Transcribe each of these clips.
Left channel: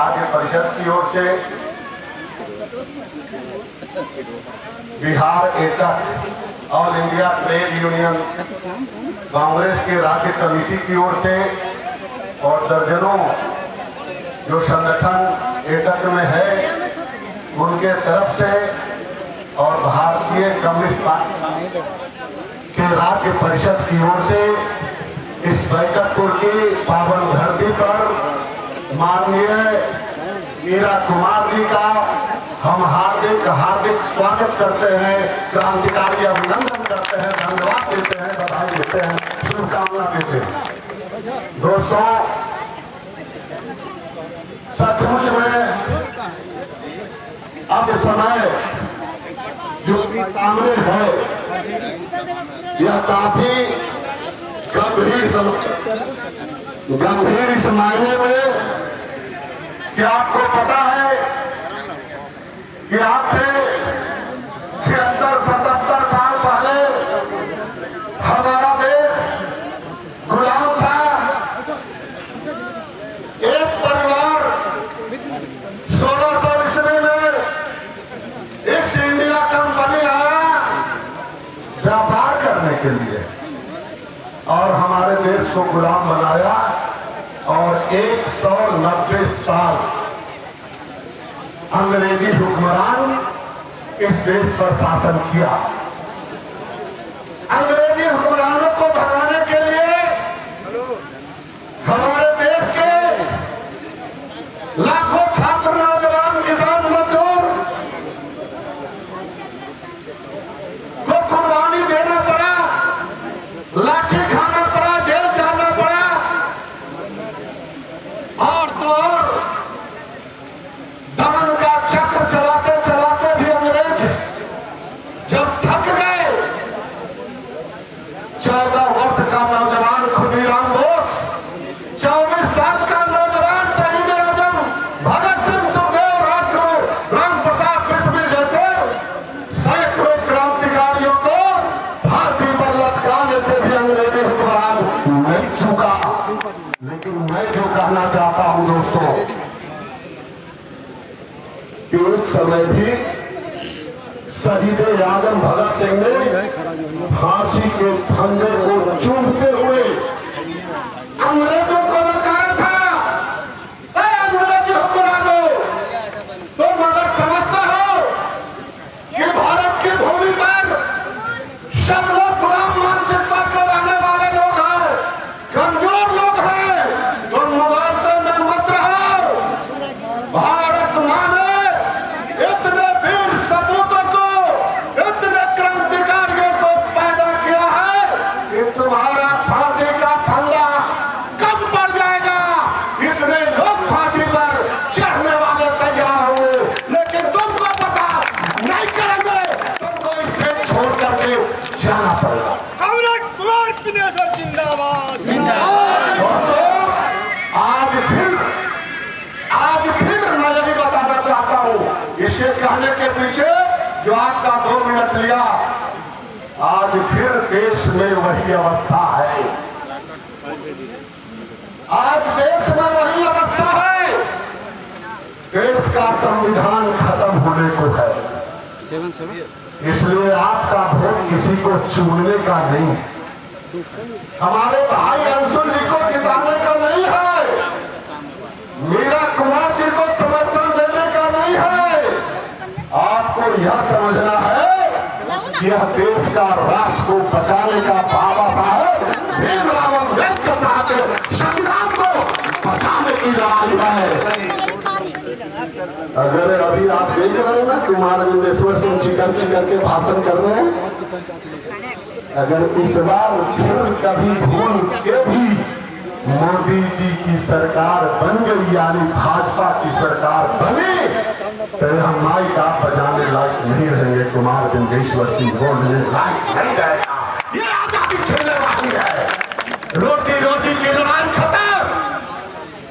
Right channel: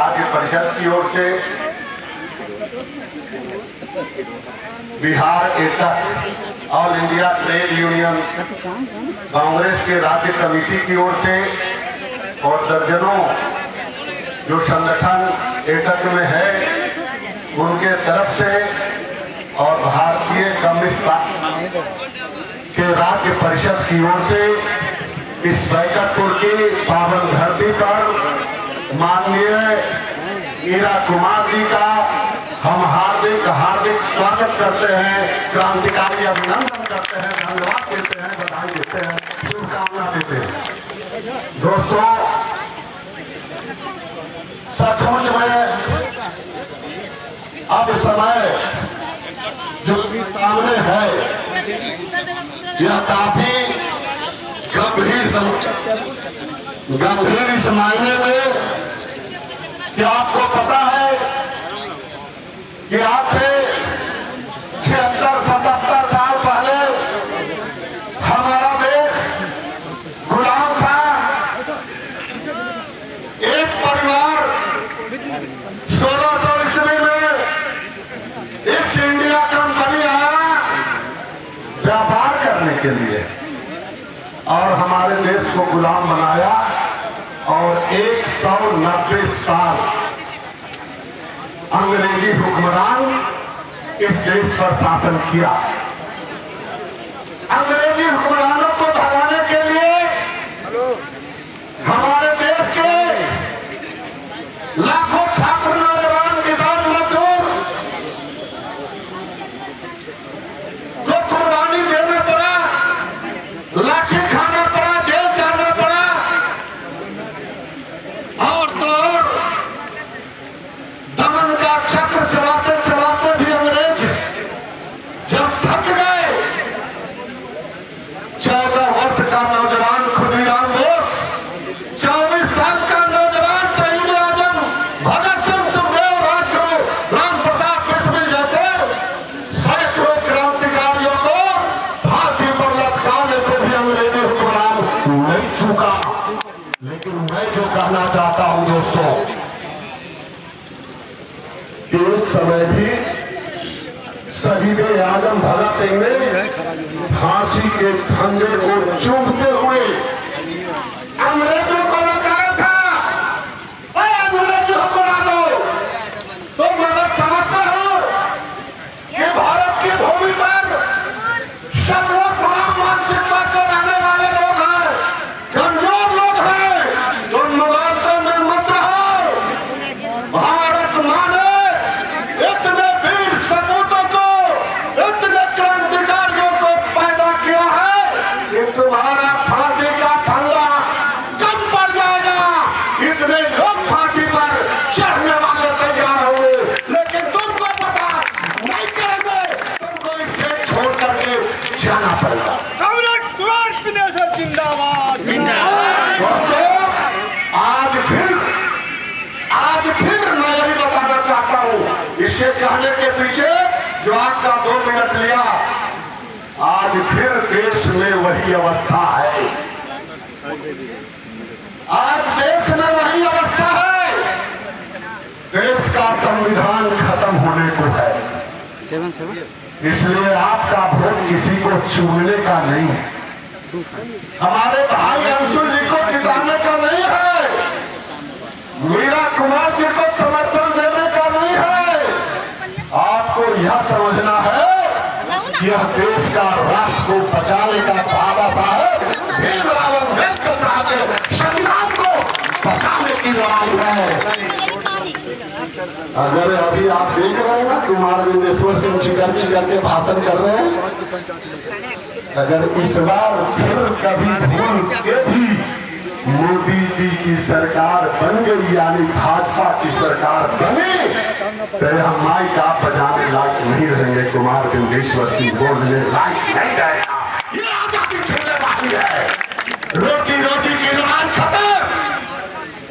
राज्य परिषद की ओर से, Bihar AITUC all India trade union Congress के राज्य कमेटी की ओर से और दर्जनों जो संगठन एटक में है उनके तरफ से और भारतीय कम्युनिस्ट पार्टी के राज्य परिषद की ओर से इस बैकटपुर की पावन धरती पर माननीय मीरा कुमार जी का हम हार्दिक हार्दिक स्वागत करते हैं, क्रांतिकारी अभिनंदन करते हैं, धन्यवाद देते हैं, बधाई देते हैं, शुभकामना देते हैं। दोस्तों, सचमुच में अब समय जो सामने है यह काफी गंभीर इस मायने में कि आपको पता है कि आज से 76-77 साल पहले हमारा देश गुलाम था। एक परिवार 1600 ईस्वी में ईस्ट इंडिया कंपनी आया व्यापार करने के लिए और हमारे देश को गुलाम बनाया और 190 साल अंग्रेजी हुक्मरान इस देश पर शासन किया। अंग्रेजी हुक्मरानों को भगाने के लिए हमारे देश के लाखों छात्र, नौजवान, किसान, मजदूर को कुर्बानी देना पड़ा, लाठी खाना पड़ा, जेल जाना पड़ा और तो और दमन का चक्र चलाते चलाते भी अंग्रेज जब थक गए, 14 वर्ष का नौजवान खुदीराम बोस, 24 साल का नौजवान शहीद आजम भगत सिंह, सुखदेव, राजगुरु, राम प्रसाद बिस्मिल जैसे सैकड़ों क्रांतिकारियों को फांसी पर लटकाने से भी अंग्रेजी हुक्मरान नहीं चूका। लेकिन मैं जो कहना चाहता हूं दोस्तों कि उस समय भी शहीद आजम भगत सिंह ने फांसी के फंदे को चूमते हुए अंग्रेजों को ललकारा था। अंग्रेजों को ला दो तो मगर समझते हो कि भारत की भूमि पर सब लोग गुलाम मानसिकता के रहने वाले लोग हैं, कमजोर लोग हैं, तो मुगालते में मत रहो। भारत माने इतने वीर सपूतों को, इतने क्रांतिकारियों को पैदा किया है कि तुम्हारा फांसी का फंदा कम पड़ जाएगा। इतने लोग फांसी पर चढ़ने वाले तैयार हो, लेकिन तुमको पता नहीं करेंगे, तुमको स्टेज छोड़ करके जाना पड़ेगा। जिंदाबाद जिंदाबाद। आज फिर मैं यही बताना चाहता हूँ, इसके कहने के पीछे जो आपका 2 मिनट लिया, आज फिर देश में वही अवस्था है। आज देश में वही अवस्था है। देश का संविधान खत्म होने को है, इसलिए आपका वोट किसी को चुनने का नहीं है, हमारे भाई अंशुल जी को जिताने का नहीं है, मीरा कुमार जी को समर्थन देने का नहीं है। आपको यह समझना है कि यह देश का राष्ट्र को बचाने का बाबा साहब भीमराव अम्बेडकर साहब के संविधान को बचाने की लड़ाई है। अगर अभी आप देख रहे हैं ना, कुमार विंदेश्वर सिंह चिकर के भाषण कर रहे हैं, अगर इस बार फिर कभी भूल के भी मोदी जी की सरकार बन गई, यानी भाजपा की सरकार बनी, तो यह माइक आप बजाने लायक नहीं रहेंगे, कुमार विंदेश्वर सिंह बोलने लायक नहीं रहेगा। ये आजादी छीनने वाली है, रोटी रोटी की लड़ाई खत्म,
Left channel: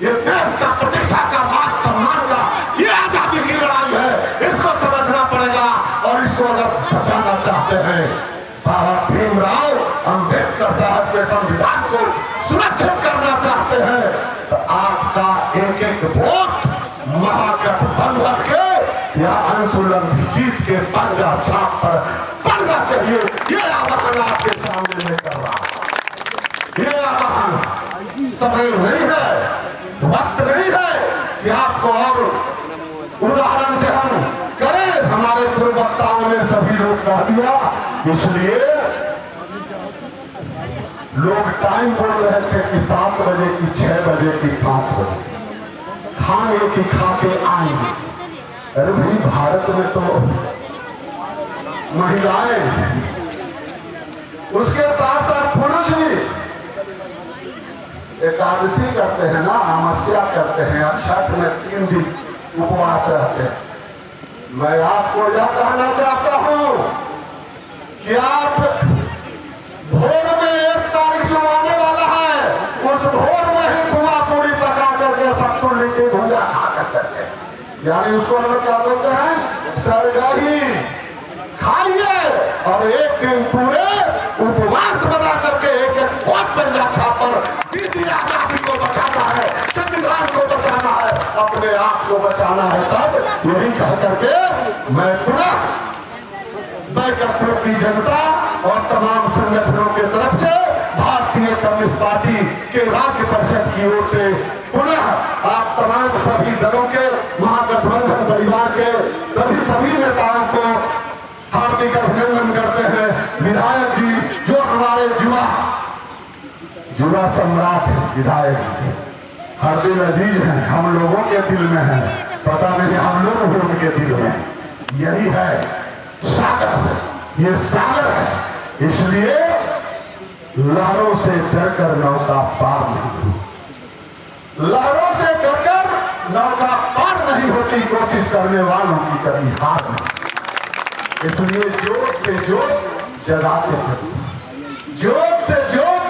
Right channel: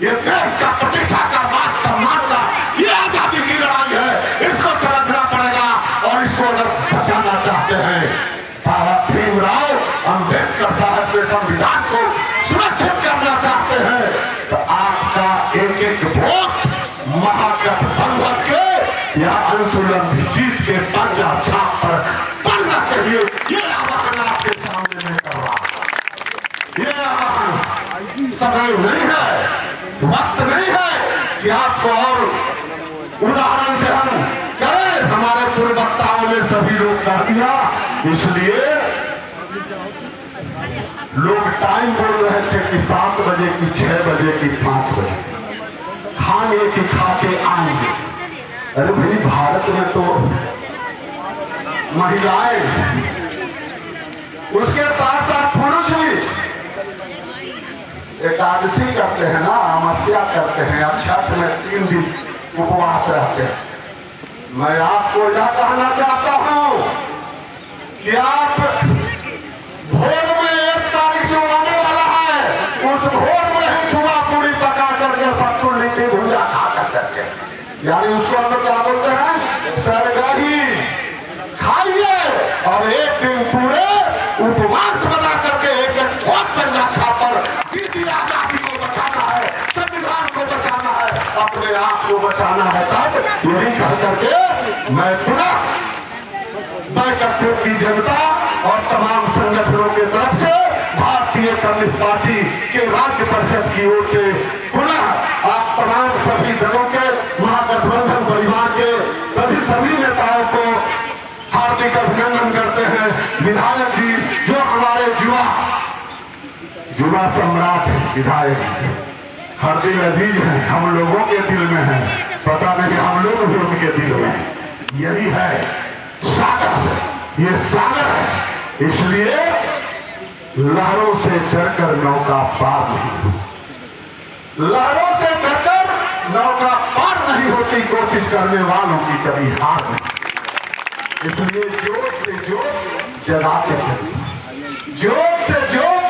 ये देश का प्रतिष्ठा का, मान सम्मान का, ये आजादी की लड़ाई है। इसको समझना पड़ेगा और इसको अगर बचाना चाहते हैं, बाबा भीमराव अम्बेडकर साहब के संविधान को सुरक्षित करना चाहते हैं, तो आपका एक एक वोट जीत के पर्चा छाप पर पढ़ना चाहिए। ये आह्वान आपके सामने में कर रहा हूं। ये आह्वान समय नहीं है, वक्त नहीं है कि आपको और उदाहरण से हम करें। हमारे पूर्ववक्ताओं ने सभी लोग कह दिया, इसलिए लोग टाइम बोल रहे थे कि 7 बजे की, 6 बजे की, 5 बजे खाएंगे कि खा के आएंगे। अरे भाई, भारत में तो महिलाएं, उसके साथ साथ पुरुष भी एकादशी करते हैं ना, अमावस्या करते हैं, छठ में 3 दिन उपवास रहते हैं। मैं आपको यह कहना चाहता हूं कि आप भोर में 1 तारीख जो आने वाला है, उस भोर में ही पूरा पूरी पका करके सबको लिट्टी भुजा खा करके, यानी उसको हम लोग क्या बोलते हैं, सरगही खाइए और एक दिन पूरे उपवास बना करके एक पंजा छापर बीती आजादी को बचाना है, संविधान को बचाना है, अपने आप को बचाना है। तब यही कह करके मैं पुनः बैकअप की जनता और तमाम संगठनों की तरफ से भारतीय कम्युनिस्ट पार्टी के राज्य परिषद की ओर से पुनः आप तमाम सभी दलों के, महागठबंधन परिवार के सभी नेताओं को हार्दिक अभिनंदन करते हैं। विधायक जी जो हमारे युवा सम्राट विधायक हर दिल अजीज हैं, हम लोगों के दिल में है, पता नहीं हम लोग भी उनके दिल में। यही है सागर, ये सागर है, इसलिए लहरों से डरकर नौका पार नहीं होती, लहरों से डरकर नौका पार नहीं होती, कोशिश करने वालों की कभी हार नहीं। इसलिए जोत से जोत जलाते हैं, जोत